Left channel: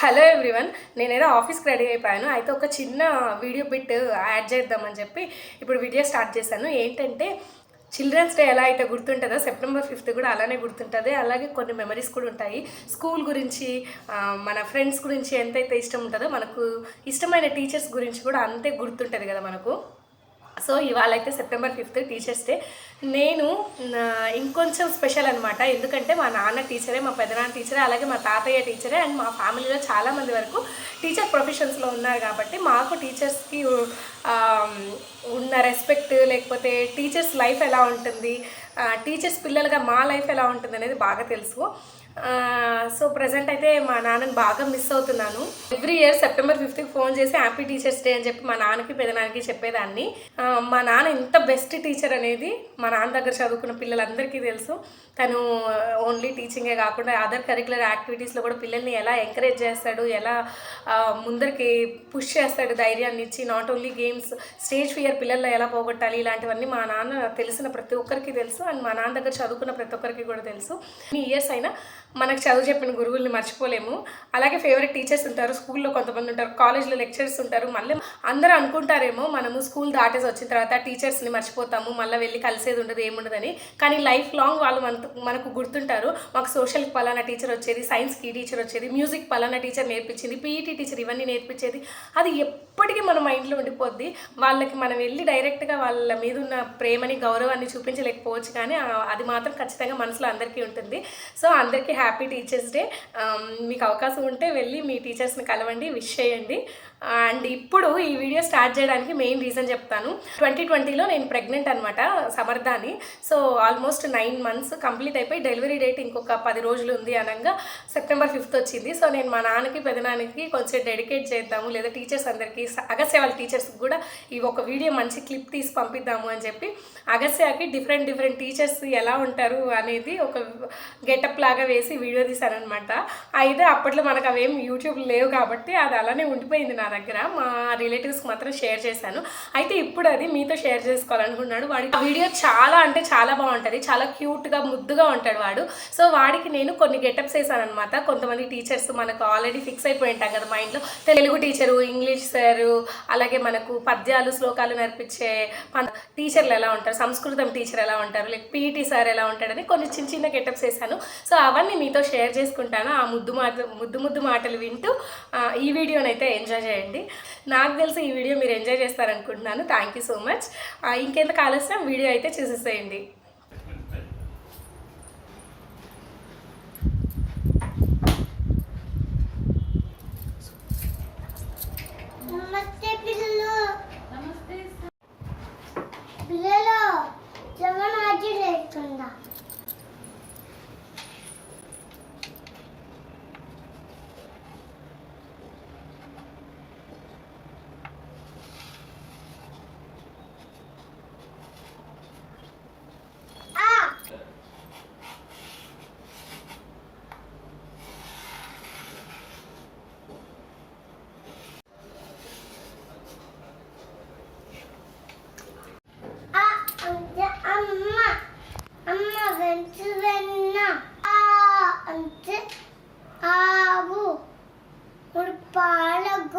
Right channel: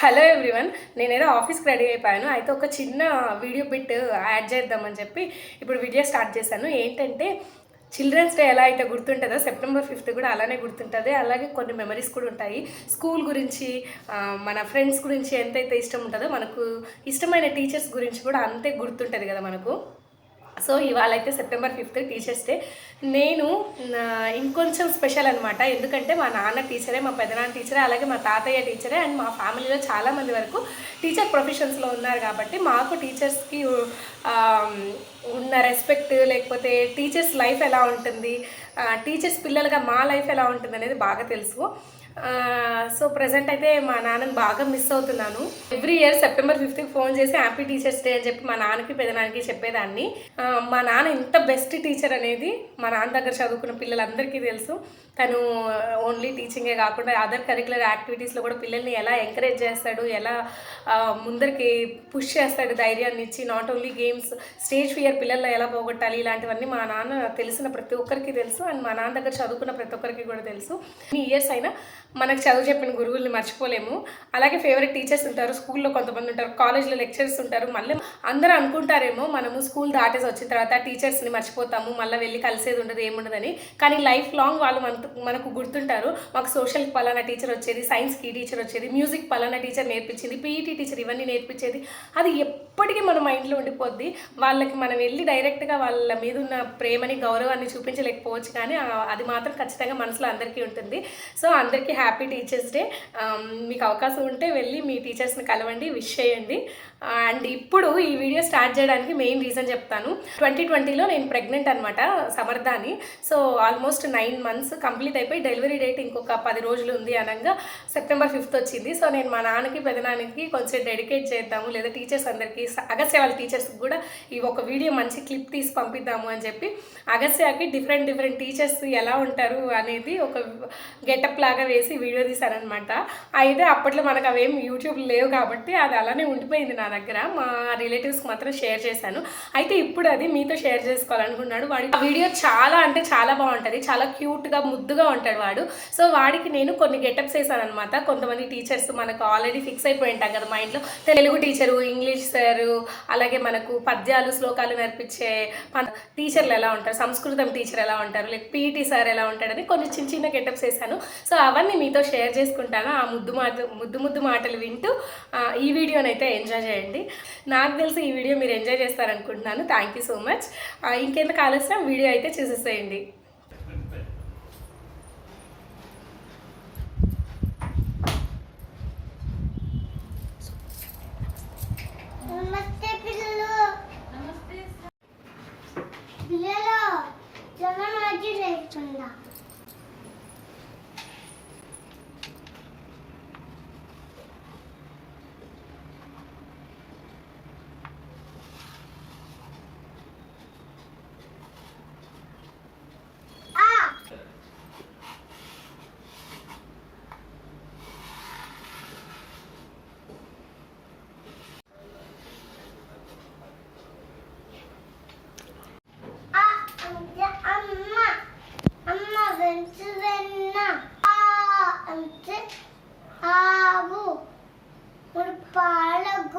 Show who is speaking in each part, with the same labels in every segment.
Speaker 1: Hello everyone నేనేదో ఆఫీస్కి ready అయిపోయాను. అయితే ఒక చిన్న వీడియో బిట్ యాడ్ చేద్దామని చెప్పి ఇప్పుడు వీడియో స్టార్ట్ చేశాను. ఏంటంటే చిల్డ్రన్స్ డే ఎలా అయితే గుర్తుంటుందో సెప్టెంబర్ ఫిఫ్త్ కూడా అలానే గుర్తుంటుంది. అలాగే కొన్ని మెమరీస్ కూడా ఉంటాయి. స్కూల్ గురించి మన ఫ్రెండ్స్ గురించి ఎంతైతే ఇష్టం ఉంటుందో మనకు ఇష్టమైన టీచర్స్ గురించి కూడా అంతే గుర్తుంటుంది కదా మనకు. సో ఇవాళ అయితే సెప్టెంబర్ ఫిఫ్త్ టీచర్స్ డే నేను ఇంకొంచెం స్పెషల్ అనమాట ఎందుకంటే మా నాన్న టీచరే మా పెదనాన్న టీచరే అలాగే మా తాతయ్య టీచరే అండ్ మా ఫ్యామిలీలో చాలామంది వరకు టీచర్ ప్రొఫెషన్స్లో ఉన్నారు కాబట్టి మాకు టీచర్స్కి ఉన్న రెస్పెక్ట్ లేకపోతే టీచర్స్ లైఫ్ ఎలా ఉంటుంది టీచర్స్ పిల్లలుగా మా లైఫ్ ఎలా ఉంటుంది అనేది బాగా తెలుసు. సో ప్రజెంట్ అయితే మా నాన్నని బాగా మిస్ అవుతున్నాను. ఎవ్రీ ఇయర్ సెప్టెంబర్ ఫిఫ్త్కి ఫోన్ చేసి హ్యాపీ టీచర్స్ డే అని చెప్పి మా నాన్నకి పెదనాన్నకి చెప్పేదాన్ని. మా నాన్న ఇంత బెస్ట్ టీచర్ అనేది మా నాన్న దగ్గర చదువుకున్న పిల్లలందరికీ తెలుసు. తను ఓన్లీ టీచింగే కాకుండా అదర్ కరికులర్ యాక్టివిటీస్లో కూడా పిల్లల్ని ఎలా ఎంకరేజ్ చేస్తాడు ఎలా ముందరికి పుష్ చేస్తాడు ధైర్యాన్ని ఇచ్చి not only games stage fear పిల్లల్లో ఎలా పోగొట్టాలి ఇలాంటివన్నీ మా నాన్న తెలిసిన ప్రతి ఒక్కరికి తెలుసు. అండ్ మా నాన్న దగ్గర చదువుకున్న ప్రతి ఒక్కరికి కూడా తెలుసు. ఇయర్స్ అయినా మనకు చదువు చెప్పిన గురువుల్ని మర్చిపోలేము. అలాగే ఫేవరెట్ టీచర్స్ ఉంటారు స్కూల్లో కొంతమంది ఉంటారు కాలేజ్లో లెక్చర్స్ ఉంటారు. మళ్ళీ అందరూ అనుకుంటారేమో మనము స్కూల్ దాటేసి వచ్చిన తర్వాత టీచర్స్ని మర్చిపోతాము మళ్ళీ వెళ్ళి కలిసేది ఉండదు ఏముండదని. కానీ లైఫ్ లాంగ్ వాళ్ళు మన మనకు గుర్తుంటారు మాకు సోషల్ పలానా టీచర్ వచ్చేది సైన్స్కి టీచర్ వచ్చేది మ్యూజిక్ పలానా టీచర్ నేర్పించింది పీఈటీ టీచర్ ఇవన్నీ నేర్పించేది. అది ఎప్పటికీ మన మైండ్లో ఉండిపోద్ది. వాళ్ళకి మనం వెళ్ళి డైరెక్ట్గా వాళ్ళ మీద ఉన్న ప్రేమని గౌరవాన్ని చూపించలేకపోవచ్చు కానీ అది మాత్రం ఖచ్చితంగా మనసులో అందరికీ ఉంటుంది. సో అందరికీ హ్యాపీ టీచర్స్ డే. మీకు అవకాశం ఉంటే వెళ్ళి మీ టీచర్స్ని కలవండి విష్ చేయండి. అండ్ ఇప్పుడు ఈ వీడియో స్టార్ట్ చేయడానికి మెయిన్ రీజన్ చెప్తాను. ట్వంటీ ట్వంటీలో నేను ప్రెగ్నెంట్ అనమాట సమర్థాని. So almost nine months complete అయిపోయి డెలివరీ డేట్ ఇంకొక పది రోజులు ఉంది అనగా సెప్టెంబర్ ఫిఫ్త్ వచ్చింది. సో నేను మా నాన్నకి పెదనాన్నకి కొంచెం డెడికేట్ చేద్దాము లేదా టీచర్స్ అందరికీ అగస్య వాళ్ళ టీచర్స్కి కూడా ఈ ఒక వీడియో మంచి క్లిప్ తీసి పంపిద్దాము అని చెప్పి అగస్యకి డిఫరెంట్ డిఫరెంట్ టీచర్స్ ఎలా ఉంటారు అనేది ఒక గెటప్ లాగా వేసి వీడియో తీశారనమాట. అయితే అప్పట్లో మనకు అవేం యూట్యూబ్ లేవు కాబట్టి అది అలానే ఉండిపోయింది నా దగ్గర. మా రిలేటివ్స్కి మాత్రం షేర్ చేశాను. అయితే ఇప్పుడు అది మీతో షేర్ చేసుకోవాలనుకున్నాడు. వాడి వీడియో చాలా అంటే చాలా బాగుంటుంది. చాలా క్యూట్గా ముద్దుగా ఉంటాడు వాడు. సో వాడికి నేను కొన్ని గెటప్స్ వేసాను అనమాట కొంతమంది టీచర్స్ మనకు ఆల్రెడీ ఫిక్స్ అయిపోయి ఉంటాం కదా మా ఇంట్లో. తెలుగు టీచరు ఇంగ్లీష్ సారు అలాగే మనకు పద్యాలు శ్లోకాలు నేర్పించే టీచర్లు ఎలా ఉంటారు? సంస్కృతం టీచర్ ఎలా ఉంటారు? లేక పీఈటీ సార్ ఎలా ఉంటాడని కొన్ని చిన్న చిన్న గెటప్స్ వేసాను సో అవన్నీ మీతో షేర్ చేసుకుంటాను ఆ ముద్దు మాట ముద్దు ముద్దు మాటలు వింటూ ఈ వీడియోనైతే ఎంజాయ్ చేయండి. నాకు తెలిసి ఈ వీడియో మీరు enjoy చేస్తారనుకుంటున్నాను. Thank you so much. ఇంకెంత ఆలస్యం? వీడియో అయితే చూసేసేయండి.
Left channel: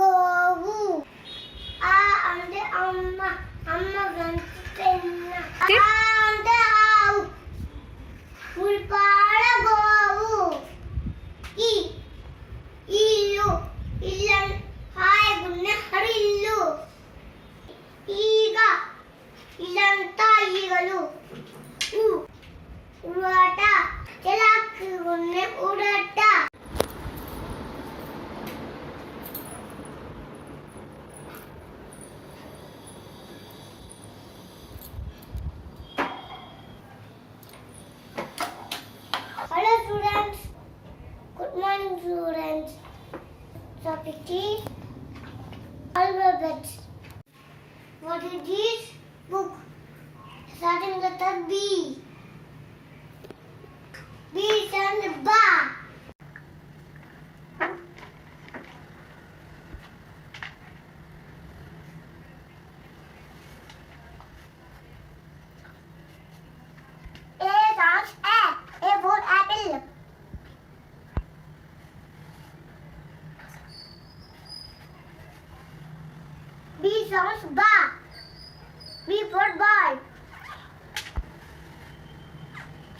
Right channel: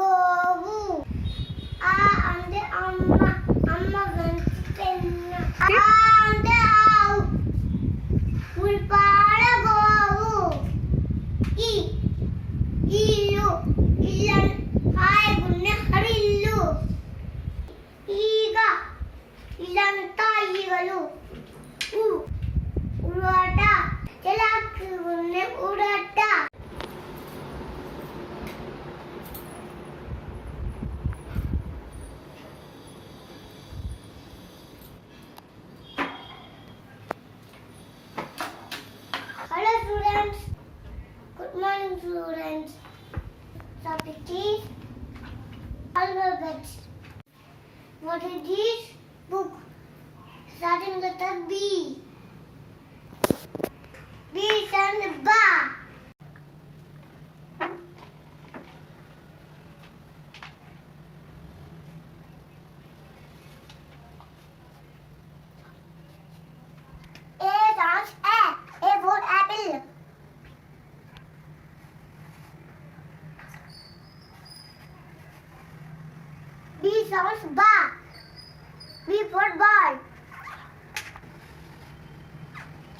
Speaker 2: 무거워. 아, 안 돼, 엄마. 엄마 변수됐나? 아, 네? 안 돼, 아우. 물 빠르고. 뭐, 이, 일로. 일란, 아이고네, 하루 일로. 이가, 일란 따, 이가로. 우, 우라다. 제라, 그거네, 우라다. This book? Starting letter B. B stands ba.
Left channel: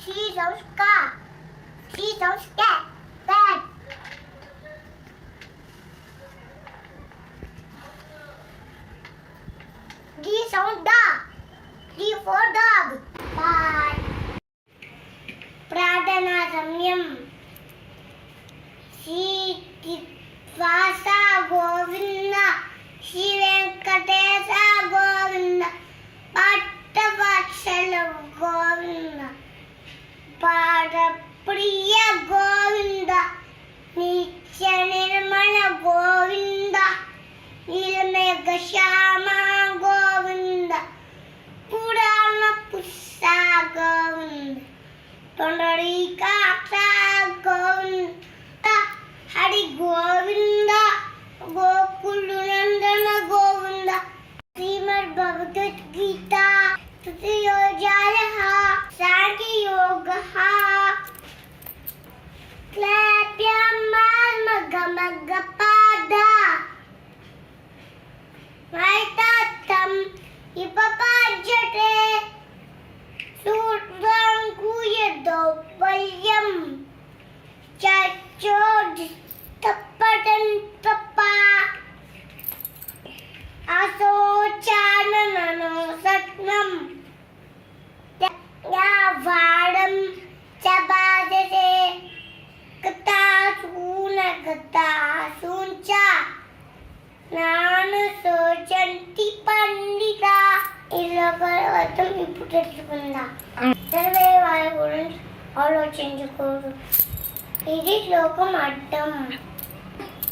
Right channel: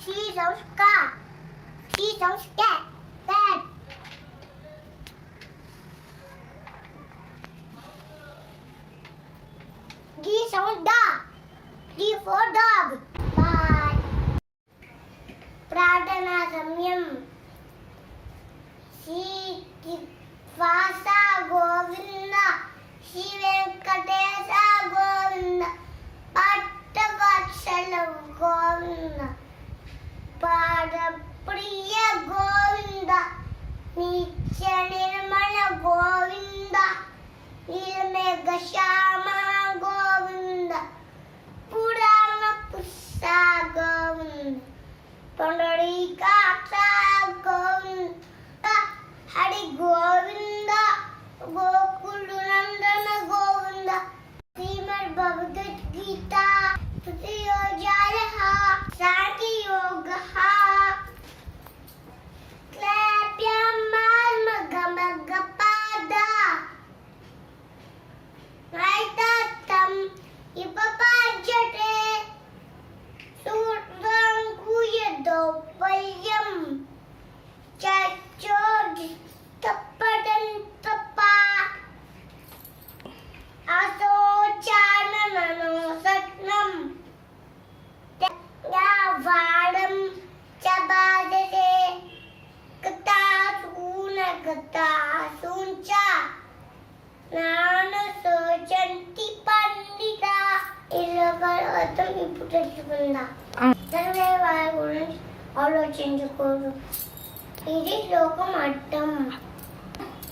Speaker 2: C sounds ka. C sounds cat. Cat. D sounds dog. D for dog. Bye. ప్రార్థనా సమయం శ్రీ వాస గోవింద శ్రీ వెంకటేశ గోవింద పట్టవత్సల గోవింద പരപ്രിയ ഗോവിന്ദ നിത്യനിർമ്മല ഗോവിന്ദ നിർമ്മ ഗോവിന്ദ പുരാണ പുസ്തക ഗോവിന്ദ തൊണ്ടോടി കാത്ത తప్పటం తప్ప. అసోచానను సత్నం వాడం చబాదసే కృతాసూన కృతాసూంచ నాను సోచంతి పండిత. ఇలా పర్వతం ఇప్పుడు తెలుసుకుందా. చదివే వారి గురించి ఆలోచించకూడదు ఇది శ్లోకం అర్థం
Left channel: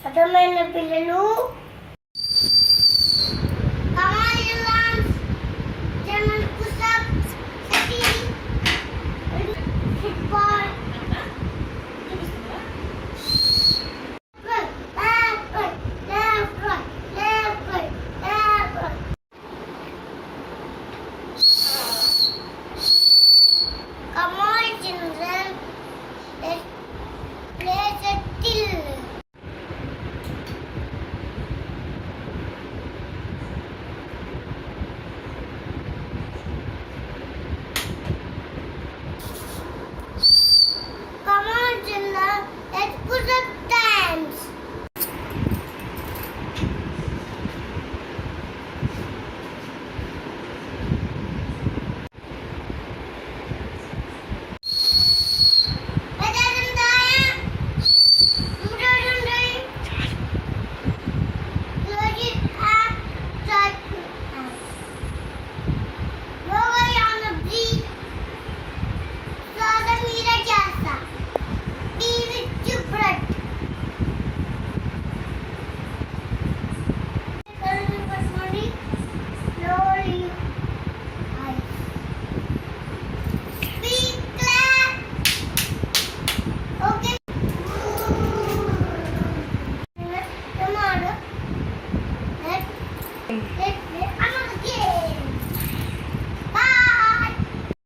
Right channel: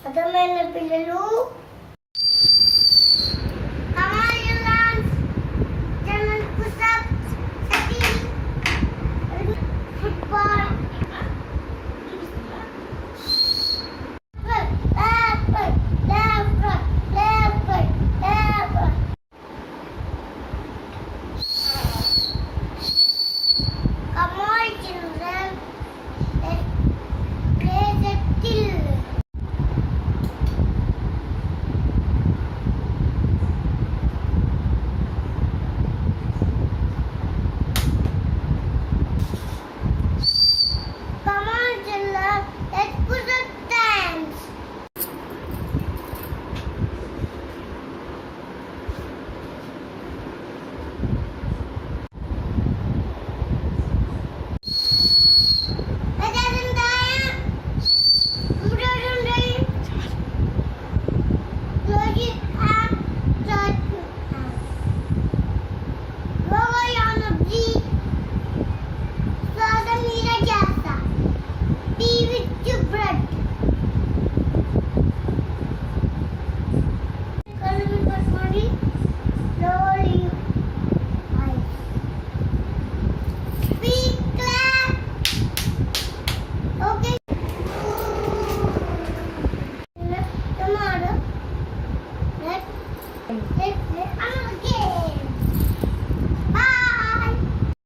Speaker 2: А до мене біля